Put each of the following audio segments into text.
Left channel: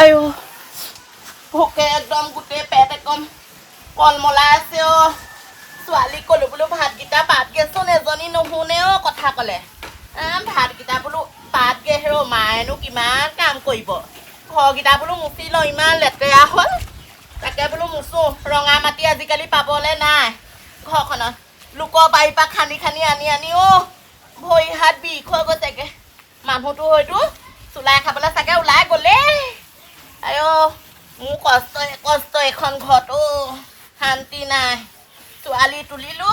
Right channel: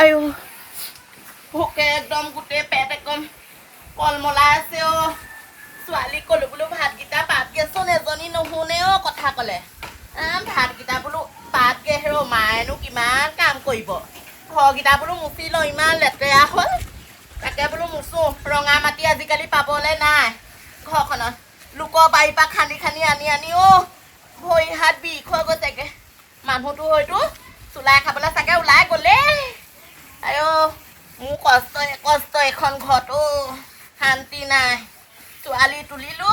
আইও ভোকে একদম গোটেই পেট একদম কলমলাই আছে অ ছোৱালী কলো বোলো ভাতকেইটা পাতগেচোন এজনী নুশুনে অ কথা ক'লে ভাতকেইটা বোলো পাতগে হেৰ' মায়েনো কিমান কাম কৰিব ঘৰকেইটা বোলো মুচি লওঁ ইমান লেতেৰা হ'ল তাকে বোলো মুচো ৰঙা মাটি আজিকালি পাবলৈ নাই ঘৰখনত লোকৰ বাৰীৰ পৰা খান্দি খান্দি আনি অ ভৰি হাত বিষ হৈ গৈছেগে মানুহটো হয়তো চুলাই খাবলৈ চাগে ওলাই গ'লেই আইঅ মোৰ কষ্ট এখন ঘৰত অ শান্তি নাই ছোৱালী তুলিলো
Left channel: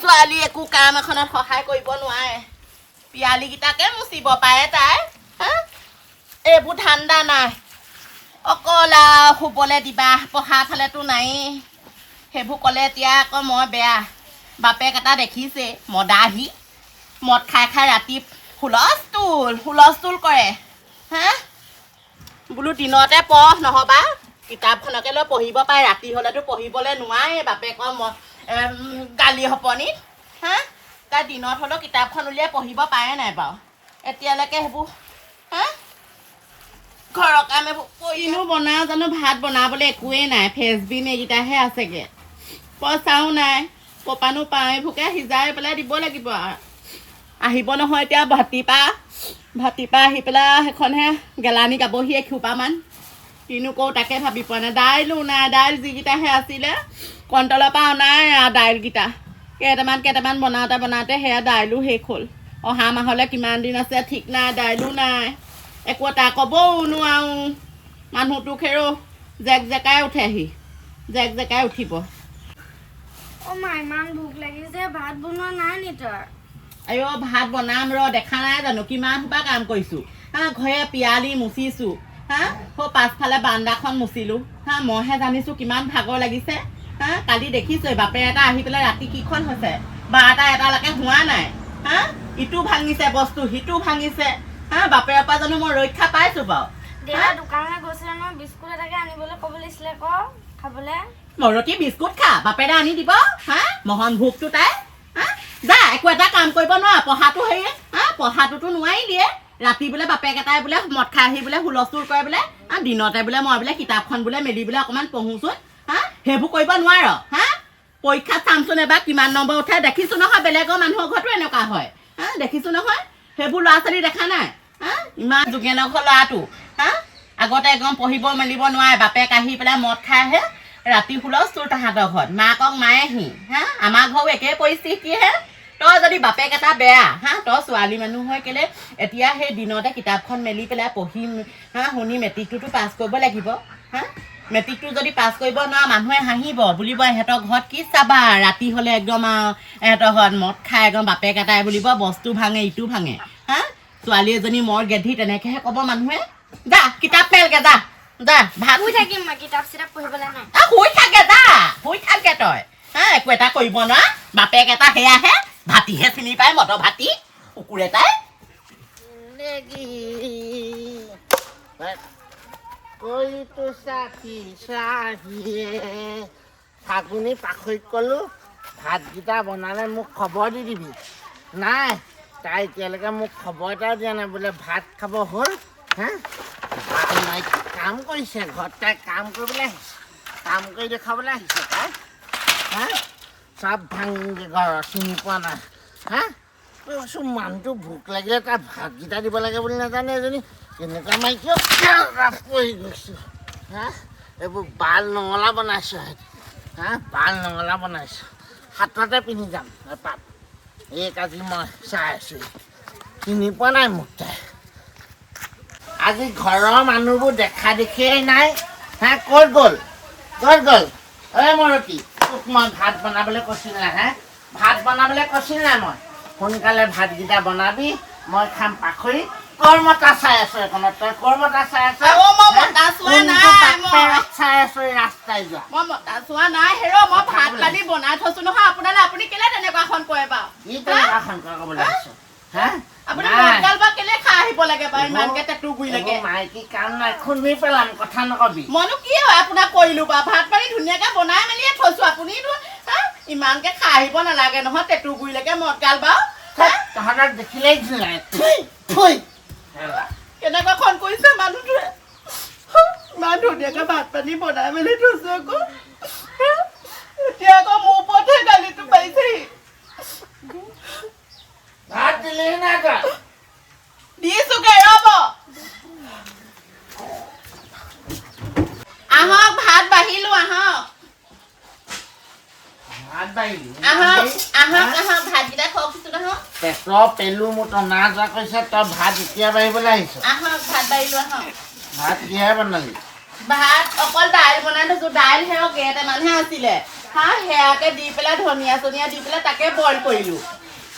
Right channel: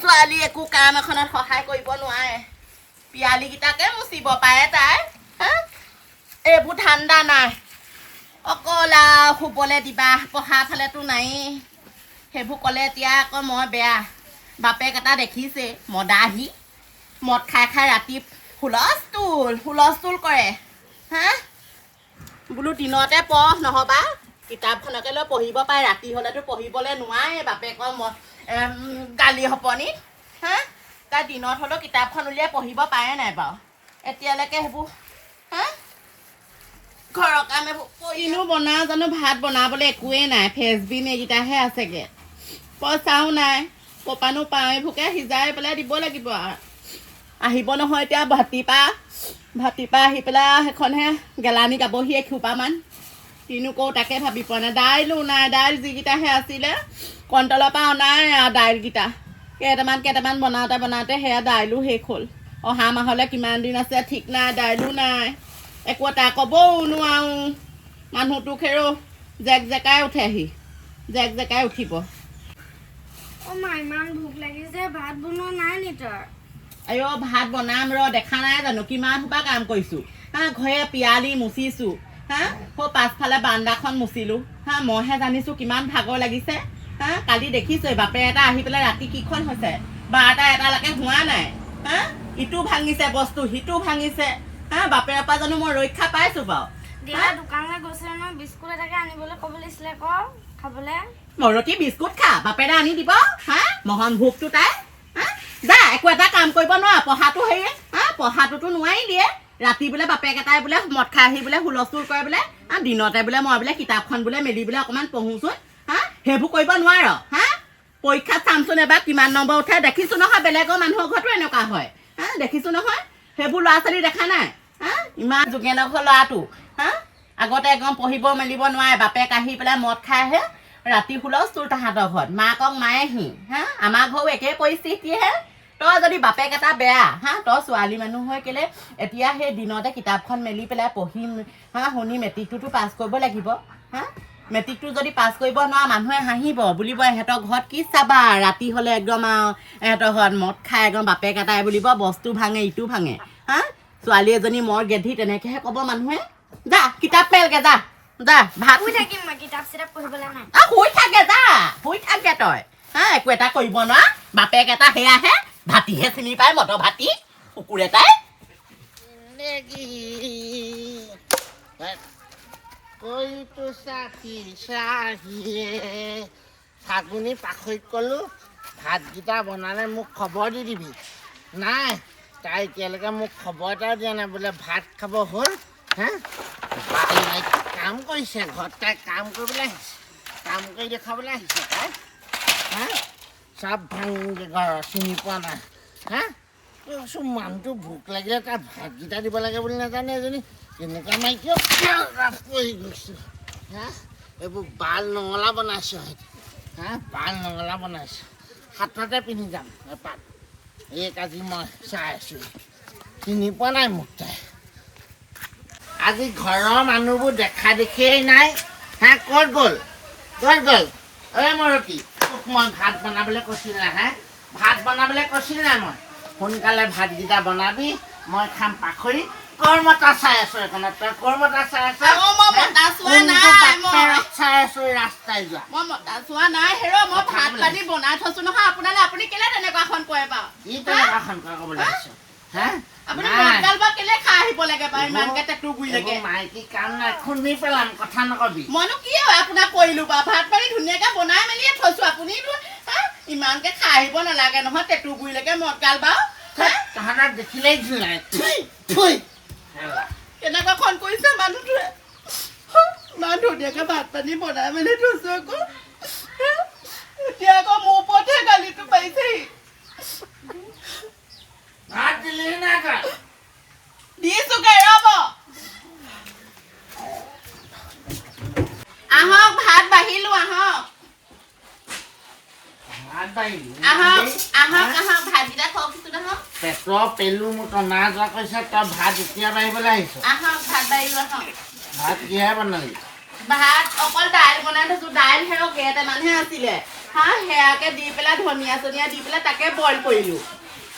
ছোৱালী একো কাম এখনত সহায় কৰিব নোৱাৰে পিয়ালিকেইটাকে মুচিব পাৰে তাই এইবোৰ ঠাণ্ডা নাই অকল শুবলৈ দিবা পঢ়া ফালেতো নায়েই সেইবোৰ ক'লে এতিয়া আকৌ মই বেয়া বাপেক এটা দেখিছে মদাহী মদ খাই খাই ৰাতি হুলস্থুল কৰে বোলো দিনতে পঢ় নহবা কিতাপখনকে লৈ পঢ়িব পাৰে ৰাতি হ'লেতো পঢ়িবলৈ নোৱাৰে বাপেকৰ গালি সপনিত তাই দিনত হ'লেও কিতাপখন উলিয়াই পঢ়িব পাৰে নাই বাৰু এতিয়ালৈকে সেইবোৰ ঘৰৰ কাম এইবোৰ কিনো বনাওঁ জানো ভাত বনাবলৈ একোৱেই নাই ফেচবিন এইকেইটাহে আছেগৈ পইচাও নাই কপানো পাওঁ এইবোৰকে সিজাই পেলাই দিব লাগিব আৰু আহিব নহয় এতিয়া ভাতিপা আহি পেলাই সেইখনহে গেলানি গাবহি এখোপামান কিনো কৰো তাকে ভাবি পোৱা নাই দাইলো নাই দাইল যিকেইটাহে আছিলে কণ্টলৰ পৰা অনাই আৰু দাইলকেইটা কেইটামান বনাওঁতে সেয়া দাইলো শেষ হ'ল অহা মাহলৈ কিমান দিন আছে ঠিক নাই দাইলো নাই একো এটা ক'বও নোৱাৰো মানুহটোক হেৰ' জেকাই উঠেহি জেকাই উঠিব ইমান ভোক লাগিছে ভাত বনোৱা নাই নি তই আইঅ ভাত বনাম দেখা নাই জানো কিমান সোপা কাম কৰিছোঁ ঘৰে পিয়ালি মুচিছোঁ পাছফালে বান্দাখন মুচিলোঁ মইহে জানিছোঁ কিমান ভাগৰ লাগিছে কালি দেখিছোঁ বাপে এটা আহি পেলাই ৰাতি কিখন হৈছে 12-1লৈকে হোৱা নাই ইটো ভাঙিছে বস্তু সিটো ভাঙিছে বাপেৰ পৰা জানো মই ৰক্ষা পাইছোঁ বাৰু দেউতা দোকানলৈ গৈছিলে নহয় বিস্কুট এটাকে আনিবলৈ ক'ব লাগিছিলে আকৌ খাবলৈ মৰতি বিস্কুট খা বাপেৰে আনি দিব মহন ভোকটো তাই যা একো এটা কাম কৰিব নোৱাৰা পঢ়াটো হেৰি পঢ়াটোতো নোৱাৰি দিয়ে ৰাতি বোলে বাপেক এটাই বোলে মদ খাই আহি বোলে হুলস্থুল কৰে বোলে দিনতে বোলে মই বোলে কিতাপখন বোলে মেলি বোলে অকণমান পঢ়োচোন সেইবোৰ কৰিব নোৱাৰ পৰীক্ষাত চামচোন এবাৰ কিমান নম্বৰ উঠে দেখিছোঁ নহয় বেলেগৰ মানুহৰ ঘৰতো এনেকুৱা হয় দেখিছোঁ নহয় সেইবোৰ ল'ৰা ছোৱালী দেখা নাই ইমান যোগেনৰ ঘৰ ল'ৰাটো আগতে একদম পঢ়িব মেলিব নোৱাৰে বাপেক আহি পেলাই মদ খাই আহে ৰাতি হুলস্থুল তাহাঁতৰ ঘৰত মাকক মায়েহি আমাৰ ঘৰো একেই পৰিস্থিতিহে তই যদি বাপেক এটা বেয়া তই ছোৱালী মানুহ হৈ কেলে এতিয়া সেই দিনতে কিতাপখন মেলি পেলাই পঢ়িম শুনি মেট্ৰিকটোতো পাছ কৰিব লাগিব মেট্ৰিকটো যদি পাছ কৰিব নোৱাৰ মানুহে হাঁহিব বুলিব ইহঁতৰ ঘৰত কি চাবা ৰাতি হ'লে একদম আৰু ইহঁতৰ ঘৰত মদ খাই একদম বাপেক এটাই বুলিব বস্তু ভাঙে ইটো ভাঙে ছোৱালী এজনী মোৰ গেধি তেনেকেহে ক'ব মানুহে যা কিতাপ মেলগে যা ভাত শুই থাকিম মই কিতাপ চিতাপ পঢ়িবলৈ নাই শুই থাকে তই একো এটা কৰিব নোৱাৰ বাপেক এটা সেয়াহে ভাতিহে চিনি পায় মটৰ ভাতি কুকুৰ এটাই ফাগুনি পাখৈত ক'লো ভাতকেইটা বনালে মোক খবৰ দি দিবি নাই তাই এতিয়ালৈকে মোক খবৰ এটাও দিয়া নাই বোলে ভাত খাব হ'ল কাম কৰিছে ঘৰত তাই কাম কৰিবলৈ আহিছে কাম কৰি দেখাবলৈ আহিছে তাই চব ভাঙি ঘৰ চিনি পোৱা নাই কৈছোঁ মানুহটো ভোক লাগিলে তাই ভাতকেইটা দিব লাগে বুলি নাজানে এজনী কেনেকুৱা মাইকীও পৰি গৈছোঁ এইবোৰ বাল নঙলা বনাইছোঁ বাল নঙলা বনাইছোঁ হাততে পিন্ধি যাম এপাত এক আজি মই চাই আছোঁ চিনি পোৱা নাই মোক তাই আজি ঘৰৰ মানুহবোৰ দেখা দেখিয়েই নাই ক'ত গ'ল মৰতি তোক মই ভাত বনাবলৈ কৈছিল না ভাত বনাবলৈ কৈছিল নাই মই সোনকালে ভাতকেইটা বনাবি মই খাম পাখৰি কৰ্মতা চাই আছো এখনত তই কৰ্মতা চাই আছ চাই আছো ৰাস্তাই যোৱা মই মতা চোৱা নাই মই ভাত পানী বনাই থৈছো নহয় আপোনালে আপুনি কেলে তেনেকুৱাখন কয় বাৰু ই তেনেকুৱাখন কয় ক'বলৈ আহিছ আপুনি মদগাল বা কেলে খাই আহিব লাগে বাৰু ইমানকে টেটু গুৰি লাগে মাইকী কাম নাই খুন্দি পেলাম কথা নকবি মইনো কি হয় আপোনাক কৰিলো বা ভাত পানী ধুনীয়াকে বনাই মেলিয়ে থৈছো আপুনি ইমানকে খাই আহিব নালাগে নহয় টেটু গুৰি লাগে মদগাল বাৰু তহঁতক দেখিলেই কেনেকুৱাখন কৰিছে মানুহটোৱে ইমান ধুনীয়াকে ভাত পানী বনাই মেলি থৈছো আকৌ এতিয়া আকৌ মোৰ ওপৰতহে গালিটো পাৰিছেহি ভাত দিলেহি নাই তই দিছোগে ৰ'ব আহক ভাত বাঢ়িলো আহক ভাত বাঢ়িলি আহক আহক আহক ভাতকেইটা খোৱা কিছু নহওক পেটৰ পেলু মোৰ টনা যোৱা কৈছে তই ভাত এতিয়া বাঢ়িবলৈ আহিছ আহক ভাত বাঢ়িলো আহক ভাত কিহে বনালি ভাত অকল দাইল বনাই থৈছো দাইল সেও কেইটামানহে আছিলে হা সেয়াকে দি পেলাই ধনিয়া চনিয়া দি পেলাই তাকে বইল কৰিলো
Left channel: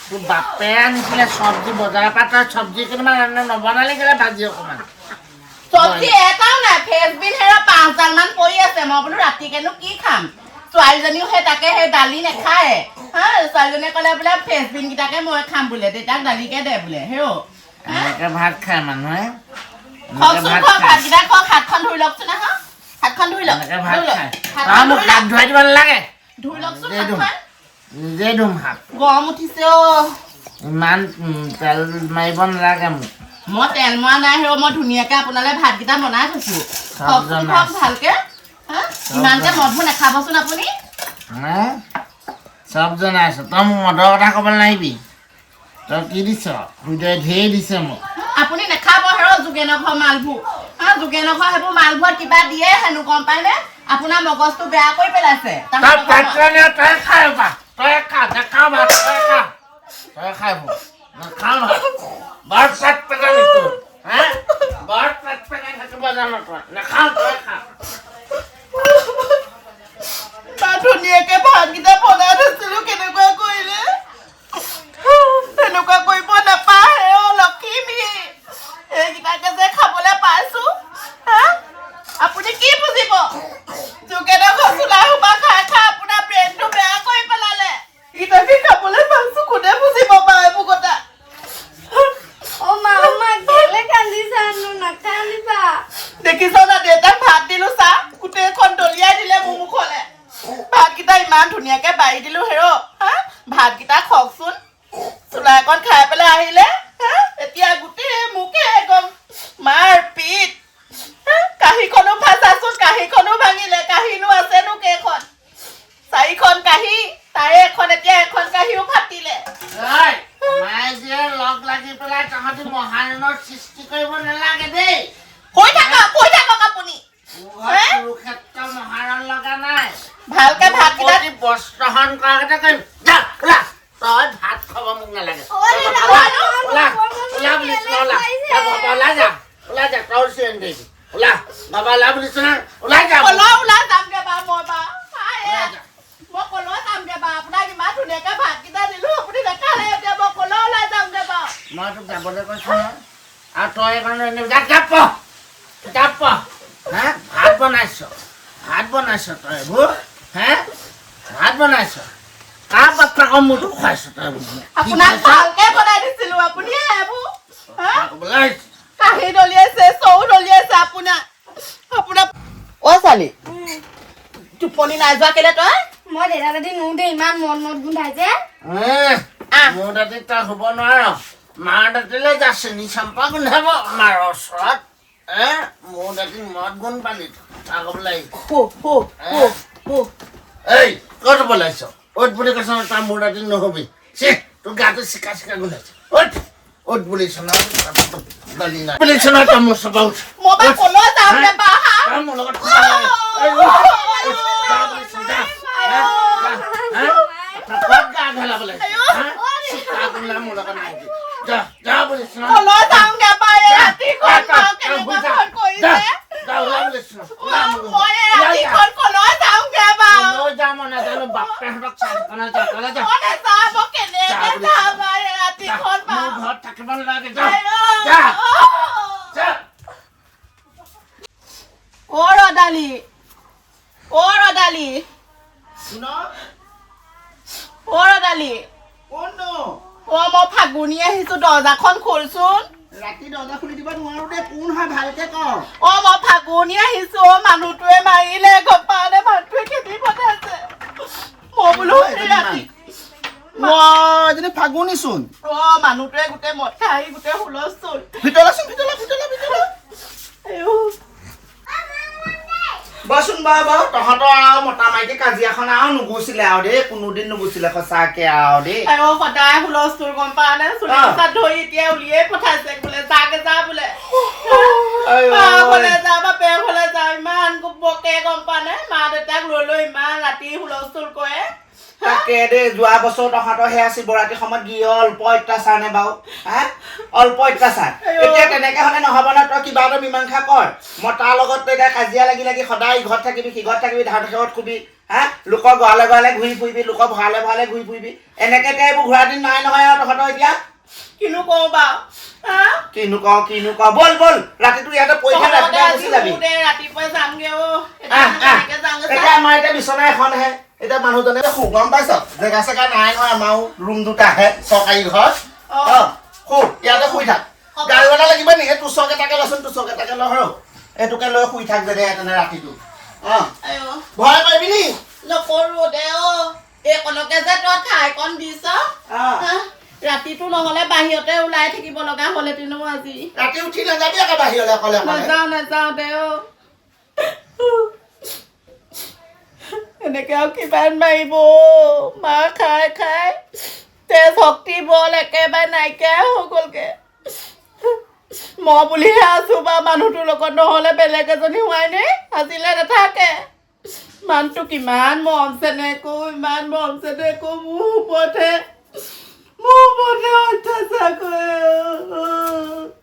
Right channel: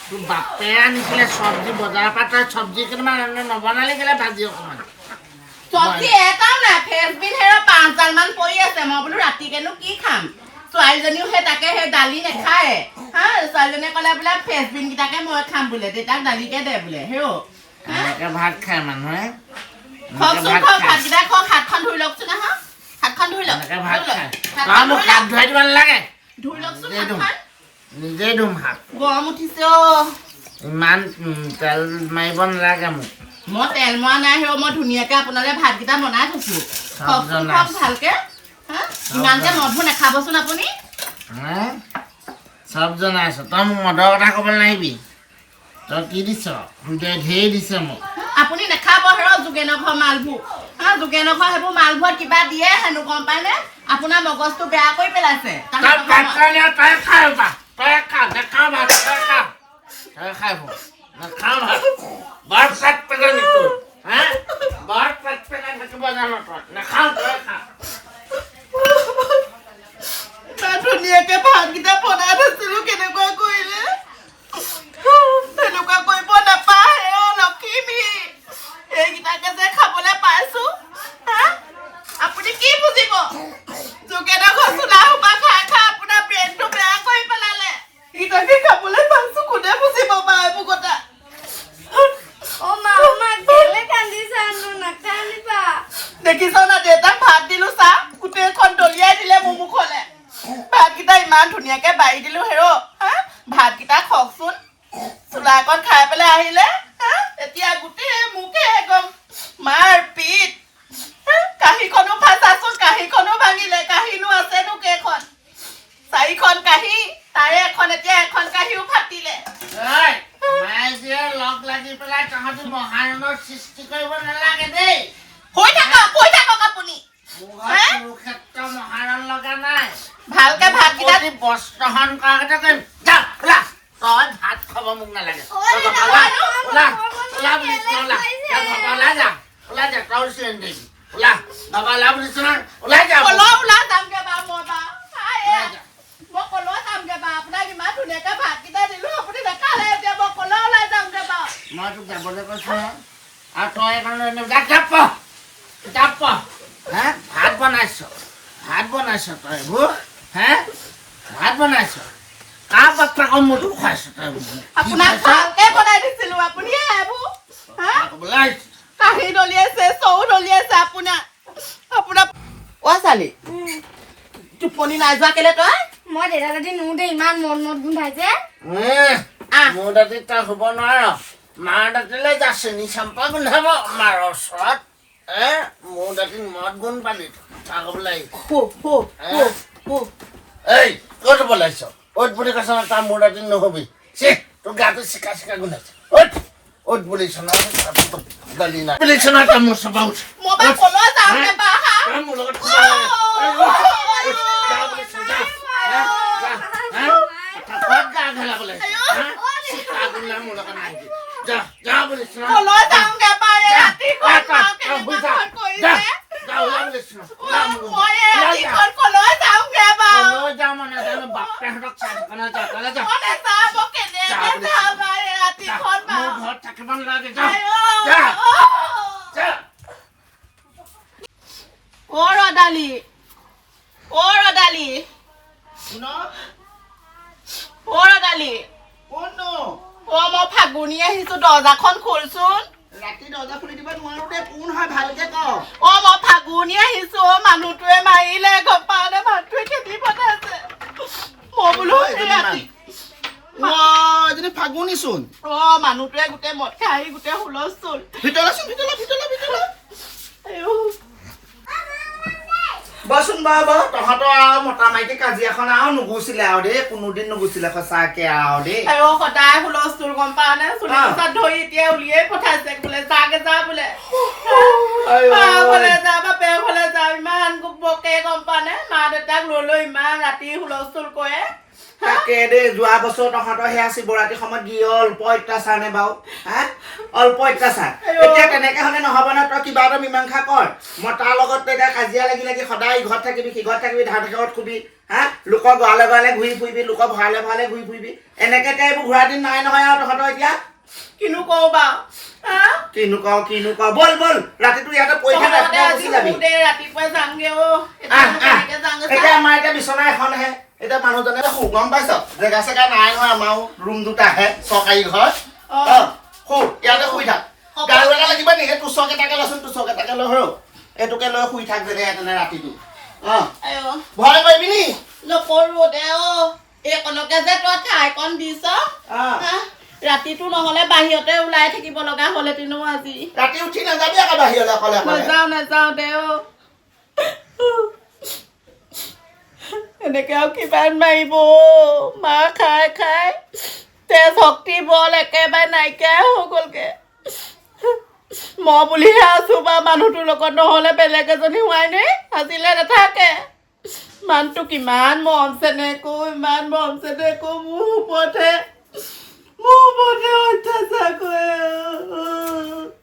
তোৰ বাপে আনিছিলে চব্জি বজাৰৰ পৰা তই চব্জি কেইটামান নবনালি কেলে ভাজি অকণমান চব্জি এটাও নাই ফ্ৰেঞ্চবিন সেয়া 5 ডালমান পৰি আছে মই বোলো ৰাতিকেনো কি খাম ছোৱালীজনীও সেই তাকে সেই দালি নাখায় হা ছোৱালীজনীয়ে ক'লে বোলে ফ্ৰেঞ্চবিন কেইটাকে মই খাম বোলে দেউতাক দালিকে দে বোলে হেও এনেকে ভাত খায় মানুহে খওকচোন খওক ভাতকেইটা খওক হাতখন ধুই লওকচোন হা হাতখন ধুই লওক এনেকে ভাত খায় তই মোক হাত ধুৱাই দিব নালাগে ধুই লওকচোন নিজে ধুম হাতখন নিজে ধুম হাত গৰম উঠিছে ইমান তেল মাৰিব নালাগে মোক মই তেল মৰা নাই হেও মই ধুনীয়াকে আপোনালৈ ভাতকেইটা বনাই থৈছো খওকচোন খওক ভালকে হা ইমানকে মদবোৰ নাখাবচোন আপুনি হে চব জনাই আছ তই মোক মদৰ কথা ক'ব নাহিবি তই কি দিছ সুদে ঢেৰ দিছে মোক আপুনি নাখাব হেৰ যোগেনৰ ঘৰ মালবোৰ হা যোগেনৰ ঘৰ সেইবোৰ মালবোৰত কিবা দিয়ে হেনো গম পায়নে আপোনাৰ মগজটো বেয়া কৰি পেলাইছে তই খাই পা তই খা নাখাওঁ ভাত তই খা তই খাই নাখাওঁ ভাত বৰ পেট পেটে নিতো হে বৰ পেট পেটে থাকিব জানো তই নাখাওঁ তই খা ধুনীয়াকে ভাতকেইটা বনাই থৈছিলো কেনেকুৱা কৰিলে তেনেকুৱা কৰিব নাপায় লক্ষ্মী এইকেইটাকে যে খাবলৈ পাইছো হা আপুনি কি বুজিব যোগেনৰ ঘৰ চোলা সোপা খাই খাই আপোনাৰ ব্ৰেইনটো বেয়া কৰি পেলালে এইকেইটাকে খাবলৈ পাইছো কোনে বুজিব বাৰু এইবোৰ কথা অ' মা কেলে কান্দিছানো নাকান্দিবা দেখিছ না দেউতাক ভাত দিলো চা গোটেইখন দলিয়াই দিলে মোৰ মুখলে ভাতকেইটা ইমান ধুনীয়াকে বাঢ়ি দিলো হেৰ হা ভাতকেইটা খওকচোন চোলা এখন খাই পেলাই আহিলে হা এতিয়া গোটেই মোকে একদম মাৰ পিত কাঁহীখনো ফাঁচাচোন কাঁহীখনো ভাঙিলে কাঁহীনো আছেনো কেইখন 4খন কাঁহী তাৰে এখন এতিয়া এখন কাঁহীও ফাটিলে মায়ে যে লগ লাগি পেলাই তহঁতি মহাৰণৰ সৃষ্টি কৰিব নালাগে দেই কৈ থাকক আপুনি কুৰুক্ষেত্ৰ মহাৰণ লগা নাই ভালকে ভাতকেইটা বস্ত্ৰহৰণ কৰা কথা কৰিম তই ভাত খাব মোক নালাগে ওলাই যা তই চিন দিবি ওলা বাবা ওলা বুলিছ না ওলাই যা ওলা যামগে বাৰু মই মই কলৈ যামগে বাৰু আপোনাক ইমান ধুনীয়াকে ভাতকেইটা দিলো আপুনি নাখালে এতিয়া মই কলৈ ওলাই যামগে বাৰু মই তোক যাবলৈ কৈছো নহয় আৰু তই এইকাৰণে কিতাপ হে ভাত বনাইছ তই এইবোৰ হে ভাত বনাইছ কাৰ বাপ্পাক মোৰতো খুৱাইছ তই আপোনাক ভালকে বনাই দিছিলো আপুনি এইবোৰ ক'বলৈ কাঁহী দলিয়াইছে চৌ দলিয়াইছে আপোনাৰ অ ছোৱালী টোপনি নাই যোৱা কেলে তই মই দেউতা দাদি নো দে ইমান মদ গোন্ধাইছে মোৰ দাঁতি তই শুব নোৱাৰ মাৰ দাঁতিলৈ যা চেনি চাম্পা গোন্ধাব মাৰ ওচৰত মোৰ দাঁতি মদ গোন্ধ পালি তাৰ ক'বলৈ এই ক'ত বলাইছ অ'ত বুলি কৈছ তাৰ মোৰ দাঁতি নহবি চে তোৰ গাটো চিকা গোন্ধাইছে অ'ত বুলিছ না গালি নাই বুলিছ না তই মোৰ চপা উঠ মই বাৰু কলৈ যামগে বাৰু তই মোৰ লগত ক'ত গা ঢলাবলৈ মোৰ লগত নাহিবি যা বুলিছ না কলৈ যামগে বাৰু ৰাতিখন কেনেকুৱা কৰিছে ওলা বুলিছ না মই ৰাতিখন কলৈ যামগে বাৰু লৈ যাম নাজানো বাপেহঁতক চাই যা মই নাযাব কেনেকে যাম বাৰু ৰাতিখন মোৰ ঘৰত থাকিব নালাগে যা অ ৰদালি অ মই ফাগুনি আহিছো দৰ্জাখন খোলচোন ৰাতি দৰ্জা খুলি দিব নোৱাৰো দে কোন হয় ভালকে ক অ মই ফাগুনি আহিছো অ মানুহটোৱে মাৰিলে গম পালে মানুহটোৱে খেদি পঠাইছে মই বোলো ৰাতি এজনী ফাগুনিচোন অ মানুহটোৱে গোটেই মদ খাই আহি গোটেই হুলস্থুল ভিতৰলৈ বাৰু তহঁতৰ আৰু মতা মাইকী কাজিয়াখন আৰু নুগুচিলে আৰু দেই কোনোদিন নুগুচিলে সঁচাকে আৰু দেই আই সদায় হুলস্থুল গম পা নে চুলি চাত ধৰি এতিয়া উলিয়াই পঠাইছে বোলে যাগে যা বোলে যা বাপে ঘৰলে যা ইমান বকে গম পা নে মা দেউতাক লৈ ইমান ৰাতি হুলস্থুল কৰে তাকে দেই যোৱা বছৰ তহঁতৰ সেয়া শিৱৰাত্ৰি সময়ত কি অল্প অত্যাচাৰ নে বাৰু হা অল্প অত্যাচাৰ এতিয়া তেনেকে হলে নহব ন তই কিবা এটা মীমাংসা কৰ মই তাৰ লগত তই এতিয়া কাজিয়া লাগি লাগি সদায় ইঘৰত থাকিবি সিঘৰত থাকিবি ধান খেৰত খুবি হা লোকৰ গঁৰালে গঁৰালে ঘূৰি ফুৰিবি লোকৰ ভঁৰালে ভঁৰালে ঘূৰি ফুৰিবি এনেকে এতিয়া এইবোৰ ঘূৰা দিন নাই নহয় আৰু তহঁতৰ এতিয়া কিনো কওঁ বাৰু কিনো কওঁ বল ৰাতিটো ইয়াতে পৰি থাক ৰাতিপুৱা গুচি যাবি ৰাতিপুৱাই যামগে এতিয়া আমাৰ এতিয়া বিচনা এখনহে এতিয়া মানুহজনে গম পাইছ জেগা চেগা নাই নহয় আমাৰ ৰুম দুটাহে চৰকাৰী ঘৰ ইয়াতে শুই থাক গাড়ী ভাড়া লাগিব নেকি তোচক এটাকে লচোন তোচক এটাকে ল এইটোকে লৈ শুই থাক যেনে তেনে ৰাতিটো ভয় কৰিবি নি নকৰো দে এইকণকে যে তই ঠাইকণ দিছ ৰাতিটো নহলে বাহিৰতে ওলাই থাকিব লগা হলেতিনো আজি ৰাতি উঠি নাযাবি আকৌ বাহিৰলৈ অকলে নাযাওঁ দে এনেকে আৰু কিমান মাৰিব মাৰ খাই তেজ শক্তি বল একেবাৰে নাইকিয়া হৈ গ'লগে মই বুলিহে আছো বা মানুহটোৰ লগত নহলে বেলেগ এজনী হোৱাই নাই আজিলে নাথাকে মানুহটো কিমান মৰম চেনেহকৈ মোৰ ওপৰতহে অত্যাচাৰ কৰে